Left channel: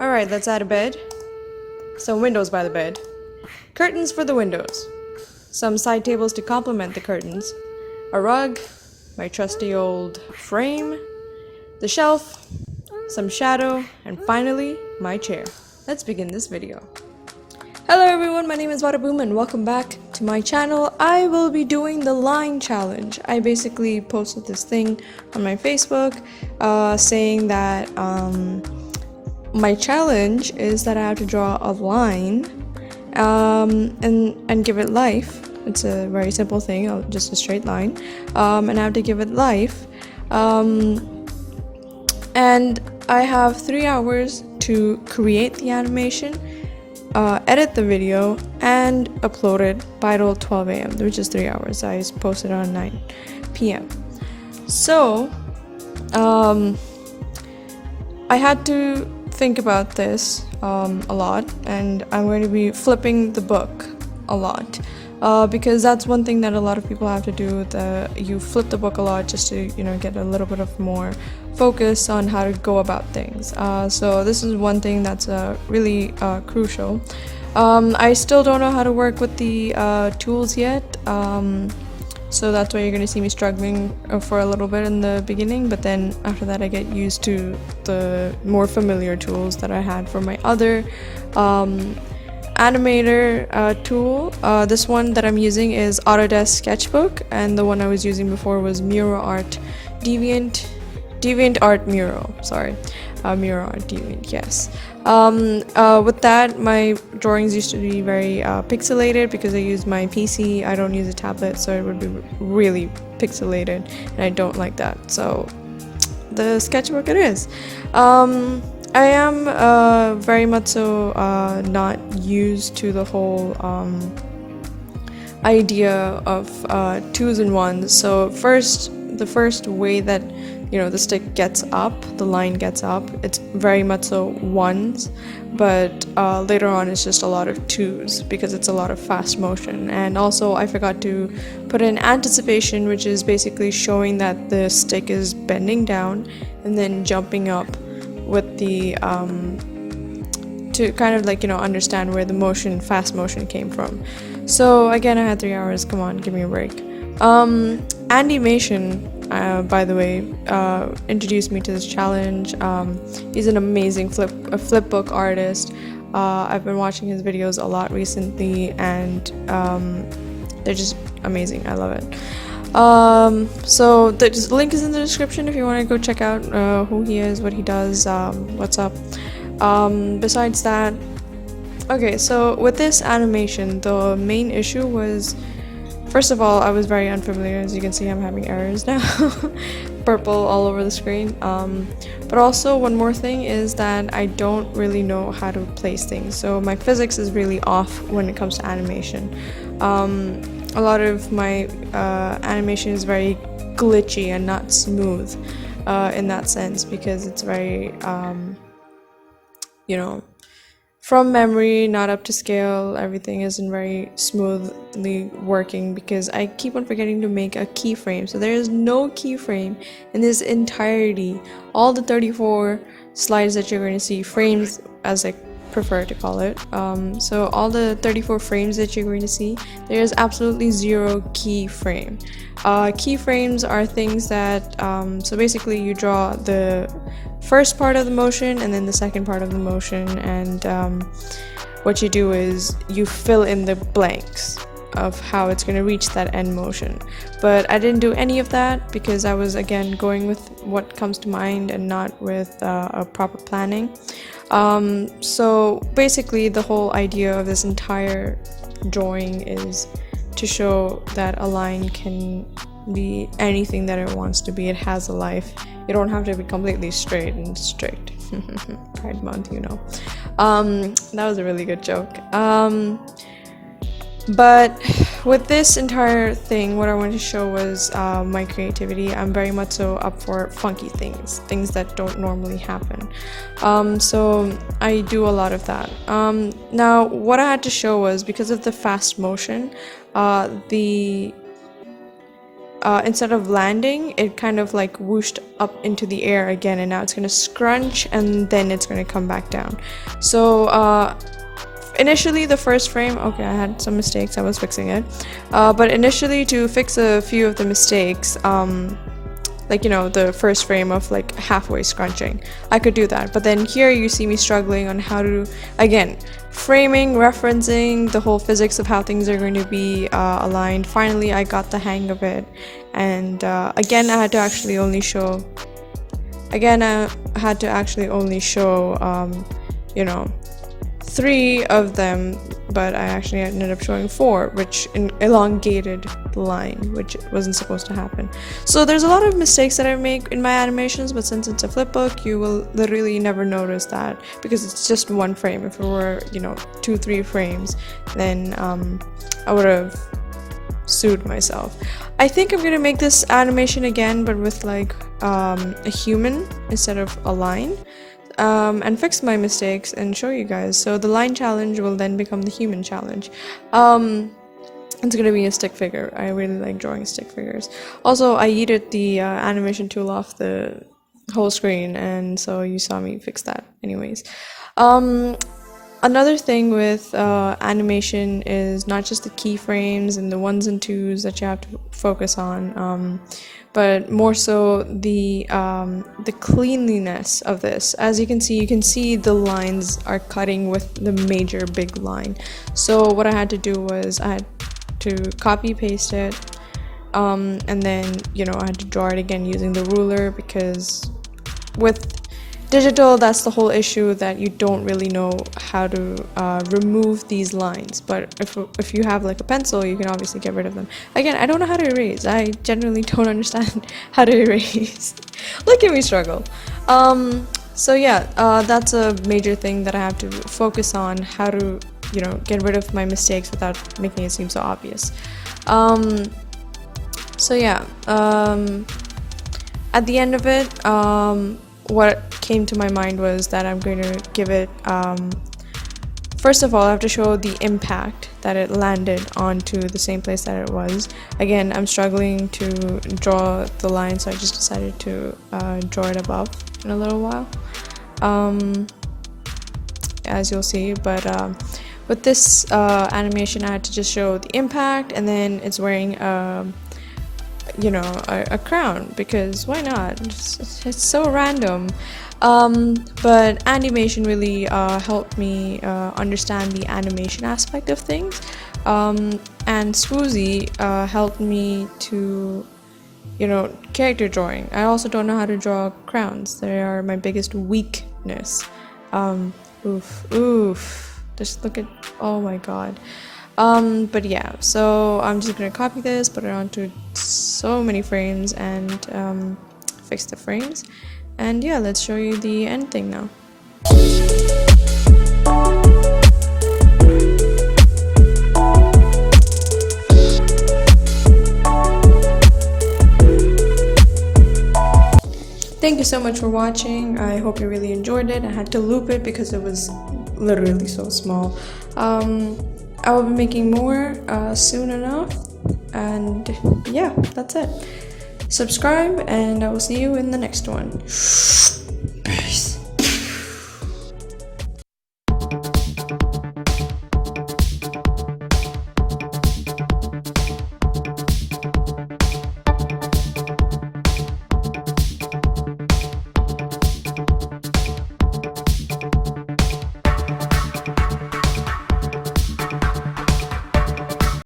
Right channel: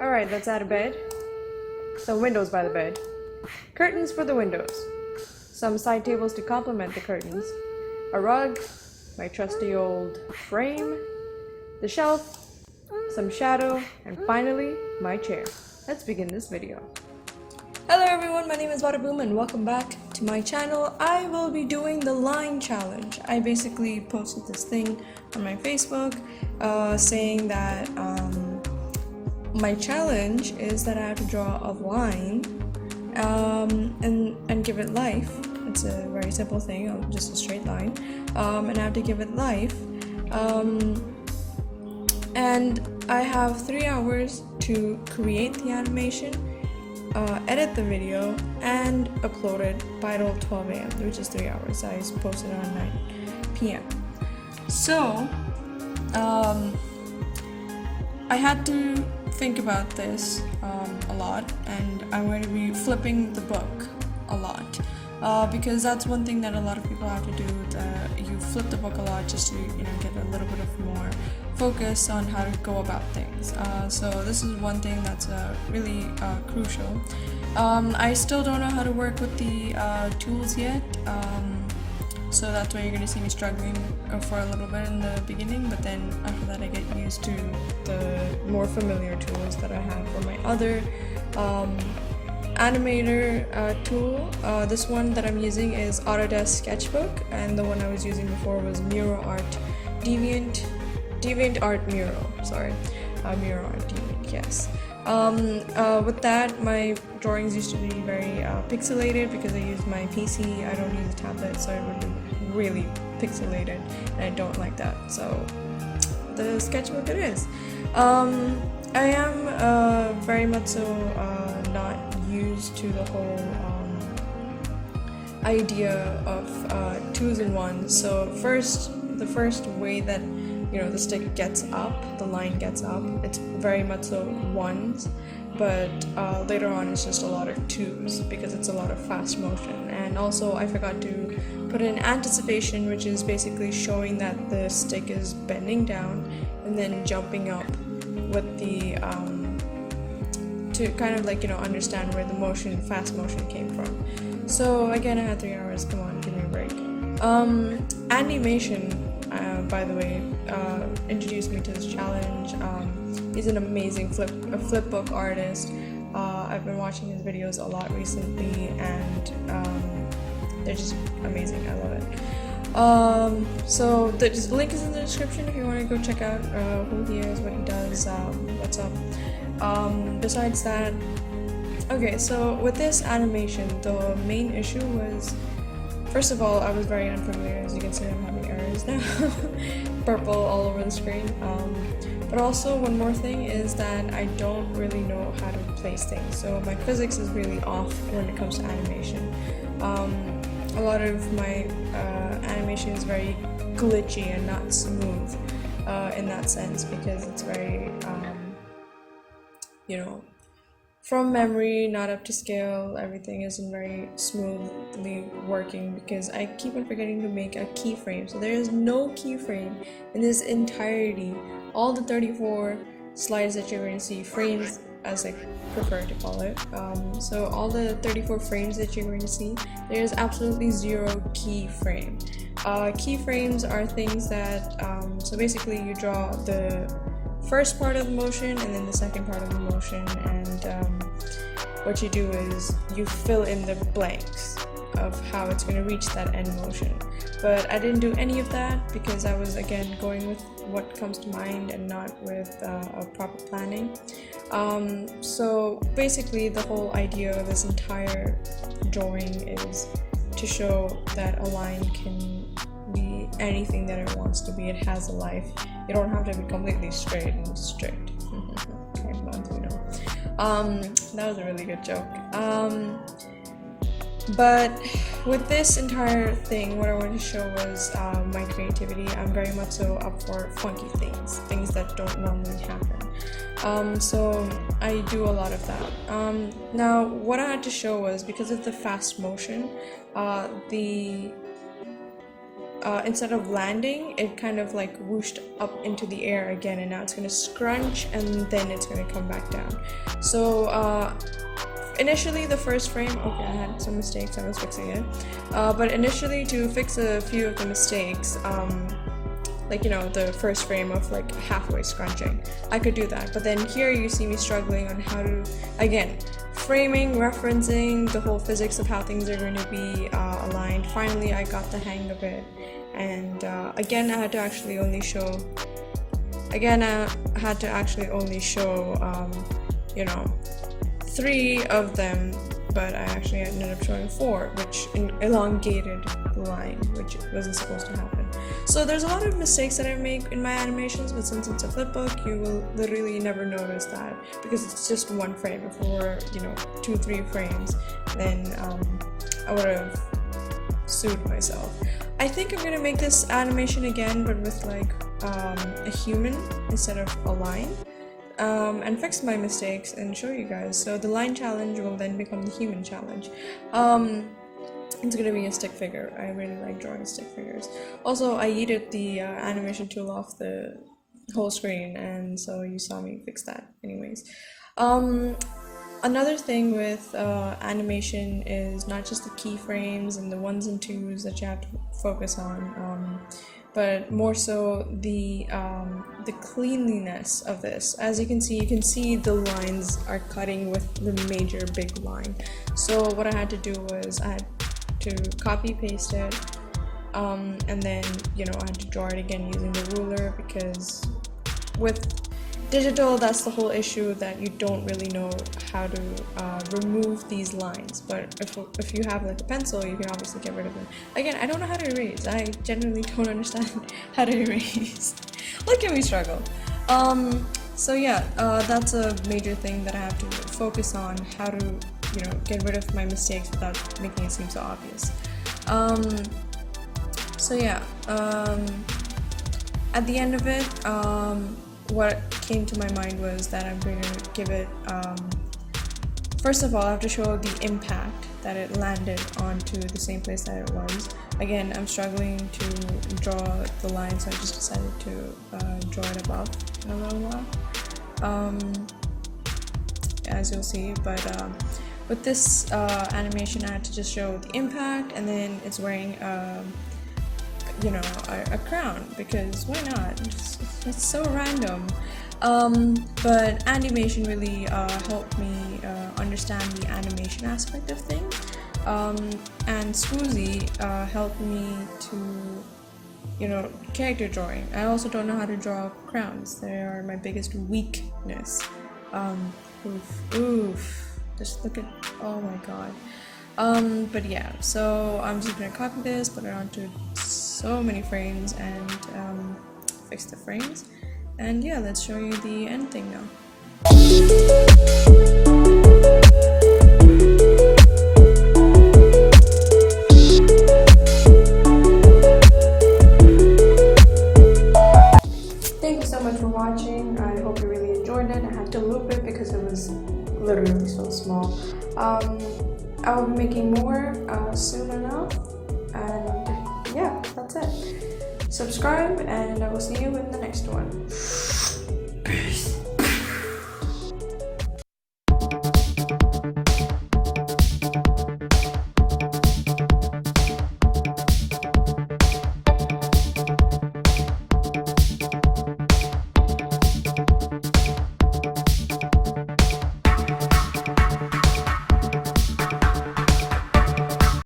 Alright, let's add a bed. Some windows by the bed. Curtains for the windows. Some side tables to complement the curtains. A rug. My trusty old frame. The shelf. Some shadow. And finally, my chair. Let's begin this video. Hello everyone, my name is Wadaboom and welcome back to my channel. I will be doing the line challenge. I basically posted this thing on my Facebook saying that my challenge is that I have to draw a line and give it life. It's a very simple thing, just a straight line, and I have to give it life. And I have 3 hours to create the animation, edit the video, and upload it by 12 a.m., which is 3 hours. I posted on 9 p.m. So, I had to think about this a lot, and I'm going to be flipping the book a lot. Because that's one thing that a lot of people have to do, that you flip the book a lot just to get a little bit of more focus on how to go about things. So this is one thing that's really crucial. I still don't know how to work with the tools yet, so that's why you're going to see me struggling for a little bit in the beginning, but then after that I get used to the more familiar tools that I had for my other animator tool. This one that I'm using is Autodesk Sketchbook, and the one I was using before was Miro Art DeviantArt Miro. Miro Art Deviant, yes. With that, my drawings used to be very pixelated because I use my PC. I don't use a tablet, so it would be really pixelated, and I don't like that. So the sketchbook it is. I am very much so not used to the whole idea of twos and ones. So the first way that the stick gets up, the line gets up, it's very much so ones, but later on it's just a lot of twos because it's a lot of fast motion. And also I forgot to put in anticipation, which is basically showing that the stick is bending down and then jumping up with the to kind of understand where the fast motion came from. So again, I had 3 hours. Come on, give me a break. Animation, by the way, introduced me to this challenge. He's an amazing flipbook artist. I've been watching his videos a lot recently, and they're just amazing. I love it. So the link is in the description if you want to go check out who he is, what he does, what's up. Besides that, okay, so with this animation, the main issue was, first of all, I was very unfamiliar. As you can see, I'm having errors now. Purple all over the screen. But also, one more thing is that I don't really know how to place things. So my physics is really off when it comes to animation. A lot of my animation is very glitchy and not smooth in that sense, because it's very, from memory, not up to scale. Everything isn't very smoothly working because I keep on forgetting to make a keyframe. So there is no keyframe in this entirety. All the 34 slides that you're going to see, frames as I prefer to call it. So all the 34 frames that you're going to see, there's absolutely zero keyframe. Keyframes are things that, so basically you draw the first part of the motion and then the second part of the motion, and what you do is you fill in the blanks of how it's going to reach that end motion. But I didn't do any of that because I was, again, going with what comes to mind and not with a proper planning. So basically the whole idea of this entire drawing is to show that a line can be anything that it wants to be. It has a life. You don't have to be completely straight and strict. Pride month, that was a really good joke. But with this entire thing, what I wanted to show was my creativity. I'm very much so up for funky things that don't normally happen. So I do a lot of that. Now, what I had to show was, because of the fast motion, the instead of landing, it kind of like whooshed up into the air again, and now it's gonna scrunch and then it's gonna come back down. So initially the first frame, okay, I had some mistakes, I was fixing it, but initially to fix a few of the mistakes, like, you know, the first frame of like halfway scrunching, I could do that. But then here you see me struggling on how to, again, framing, referencing the whole physics of how things are going to be aligned. Finally I got the hang of it, and again I had to actually only show you know, 3 of them, but I actually ended up showing 4, which elongated the line, which wasn't supposed to happen. So there's a lot of mistakes that I make in my animations, but since it's a flipbook, you will literally never notice that because it's just 1 frame. If it were, you know, 2-3 frames, then I would have sued myself. I think I'm gonna make this animation again, but with like a human instead of a line. And fix my mistakes and show you guys. So the line challenge will then become the human challenge. It's gonna be a stick figure. I really like drawing stick figures. Also, I yeeted the animation tool off the whole screen, and so you saw me fix that anyways. Another thing with animation is not just the keyframes and the 1s and 2s that you have to focus on, but more so the cleanliness of this. As you can see the lines are cutting with the major big line. So what I had to do was I had to copy paste it, and then, you know, I had to draw it again using the ruler, because with digital, that's the whole issue, that you don't really know how to remove these lines. But if you have like a pencil, you can obviously get rid of them. Again, I don't know how to erase. I genuinely don't understand how to erase. Look at me struggle. So yeah, that's a major thing that I have to focus on, how to, you know, get rid of my mistakes without making it seem so obvious. So yeah, at the end of it, what came to my mind was that I'm going to give it, first of all, I have to show the impact that it landed onto the same place that it was. Again, I'm struggling to draw the line, so I just decided to draw it above in a little while, as you'll see. But with this animation, I had to just show the impact, and then it's wearing you know, a crown, because why not? It's so random. But animation really helped me understand the animation aspect of things, and Swoozie helped me to, you know, character drawing. I also don't know how to draw crowns. They are my biggest weakness. Oof, just look at, oh my god. But yeah, so I'm just gonna copy this, put it onto so many frames, and fix the frames. And yeah, let's show you the end thing now. Thank you so much for watching. I hope you really enjoyed it. I had to loop it because it was literally so small. I will be making more soon enough, and yeah, that's it. Subscribe, and I will see you in the next one. Peace.